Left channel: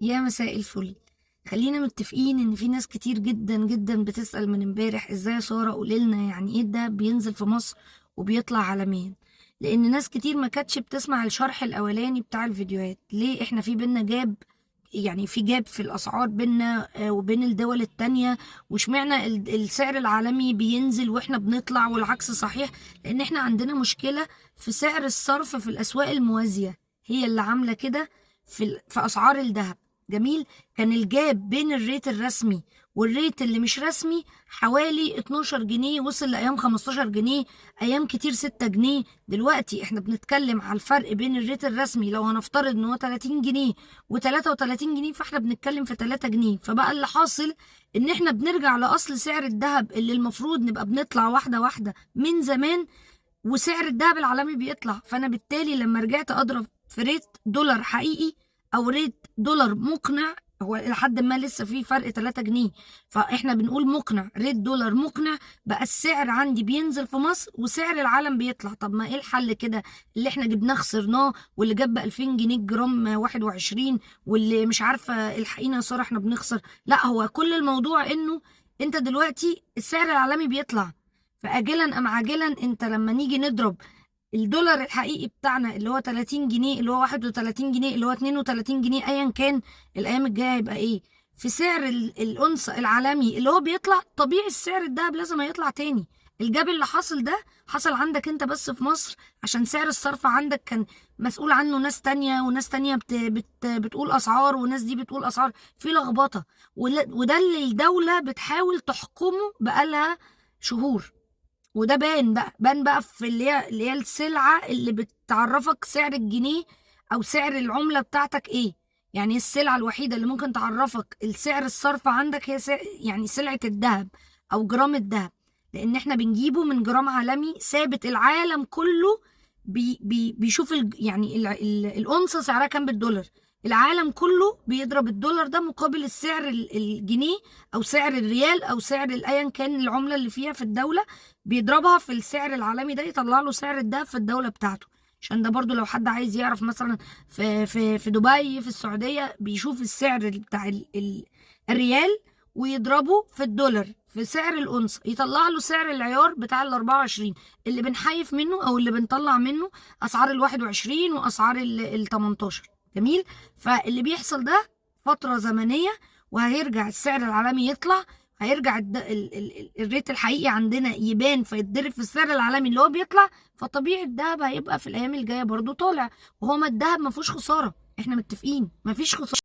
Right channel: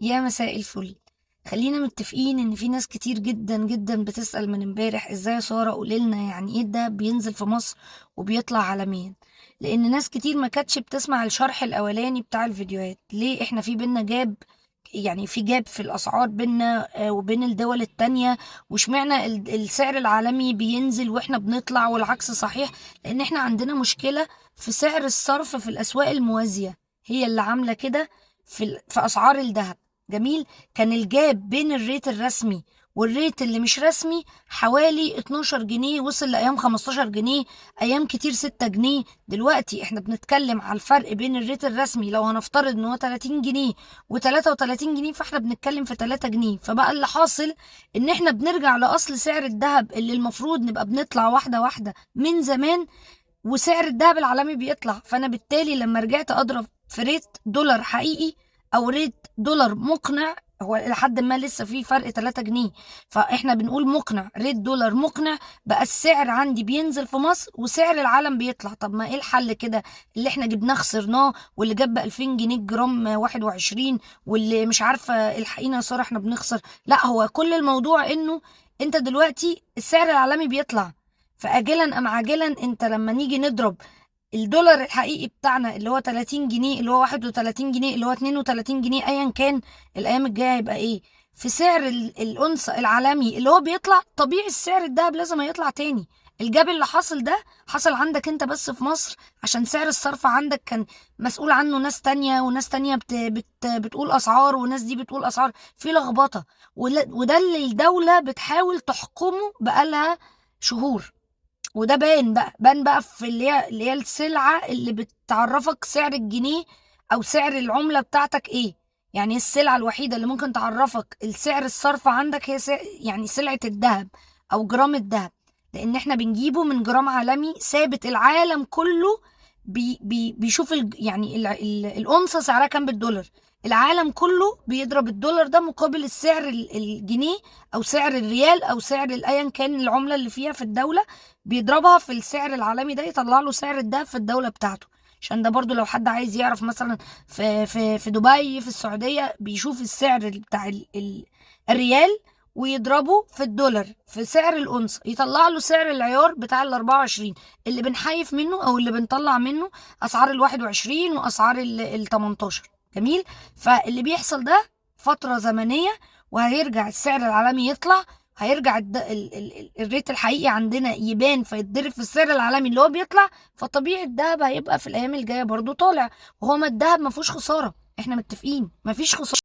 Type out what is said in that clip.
يا مساء الفل. خلينا متفقين ان في ناس كتير جدا جدا بتسأل من امبارح ازاي يا سارة قوليلنا يعني ايه ده بينزل في مصر وبيطلع عالميا. لان ناس كتير ما كانتش بتسمع الشرح الاولاني بتاع الفيديوهات. ليه احنا في بينا جاب؟ يعني في جاب في الاسعار بينا وبين الدول التانية. واشمعنى السعر العالمي بينزل واحنا بنطلع والعكس صحيح؟ لان احنا عندنا مشكلة في سعر الصرف في الاسواق الموازية، هي اللي عاملة كده في اسعار الذهب. جميل. كان الجاب بين الريت الرسمي والريت اللي مش رسمي حوالي 12 جنيه، وصل لأيام 15 جنيه، أيام كتير 6 جنيه. دلوقتي احنا بنتكلم على الفرق بين الريت الرسمي، لو هنفترض ان هو 30 جنيه و33 جنيه، فاحنا بنتكلم في 3 جنيه. فبقى اللي حاصل ان احنا بنرجع لأصل سعر الذهب اللي المفروض نبقى بنطلع واحدة واحدة من زمان، وسعر الذهب العالمي بيطلع. فانا بالتالي لما رجعت اضرب في ريت دولار حقيقي او ريت دولار مقنع، هو لحد ما لسه في فرق 3 جنيه، فاحنا بنقول مقنع، ريت دولار مقنع، بقى السعر عندي بينزل في مصر وسعر العالم بيطلع. طب ما ايه الحل كده؟ اللي احنا جبناه خسرناه، واللي جاب ب 2000 جنيه الجرام 21، واللي مش عارفه الحقيقه يا ساره احنا بنخسر. لا، هو كل الموضوع انه انت دلوقتي السعر العالمي بيطلع، فاجلا ام عاجلا انت لما نيجي نضرب الدولار الحقيقي بتاعنا اللي هو 30 جنيه، اللي هو 31 جنيه، اللي هو 32 جنيه، ايا كان الايام الجايه هيبقى ايه في سعر الأنصة العالمي اللي هو بيطلع، طبيعي السعر الدهب لازم هيطلع تاني. الجاب اللي حصل ده حصل عندك انت بس في مصر، عشان سعر الصرف عندك كان مسؤول عنه ناس تانية، وناس تانية بتقول أسعار، وناس دي بتقول أسعار، في لخبطة. وده اللي الدولة بتحاول تحكمه بقالها شهور. وده بان بقى في اللي هي السلعة اللي بتعرفك سعر الجنيه او سعر العملة بتاعتك ايه. يعني السلعة الوحيدة اللي ممكن تعرفك السعر الصرف عندك هي يعني سلعة الذهب او جرام الذهب، لان احنا بنجيبه من جرام عالمي ثابت. العالم كله بيشوف يعني الأونصة سعرها كام بالدولار. العالم كله بيضرب الدولار ده مقابل السعر الجنيه او سعر الريال او سعر ايا كان العملة اللي فيها في الدولة، بيضربها في السعر العالمي ده يطلع له سعر الدهب في الدولة بتاعته. عشان ده برضو لو حد عايز يعرف مثلا في دبي في السعودية بيشوف السعر بتاع الريال ويضربه في الدولار في سعر الأونصة، يطلع له سعر العيار بتاع ال 24 اللي بنحيف منه او اللي بنطلع منه اسعار ال 21 واسعار ال 18. جميل. فاللي بيحصل ده فترة زمنية، وهيرجع السعر العالمي يطلع، هيرجع الريت الحقيقي عندنا يبان فيتضرب في السعر العالمي اللي هو بيطلع. فطبيعي الذهب هيبقى في الايام الجايه برضو طالع. وهو ما الذهب ما فيهوش خساره، احنا متفقين ما فيش خساره.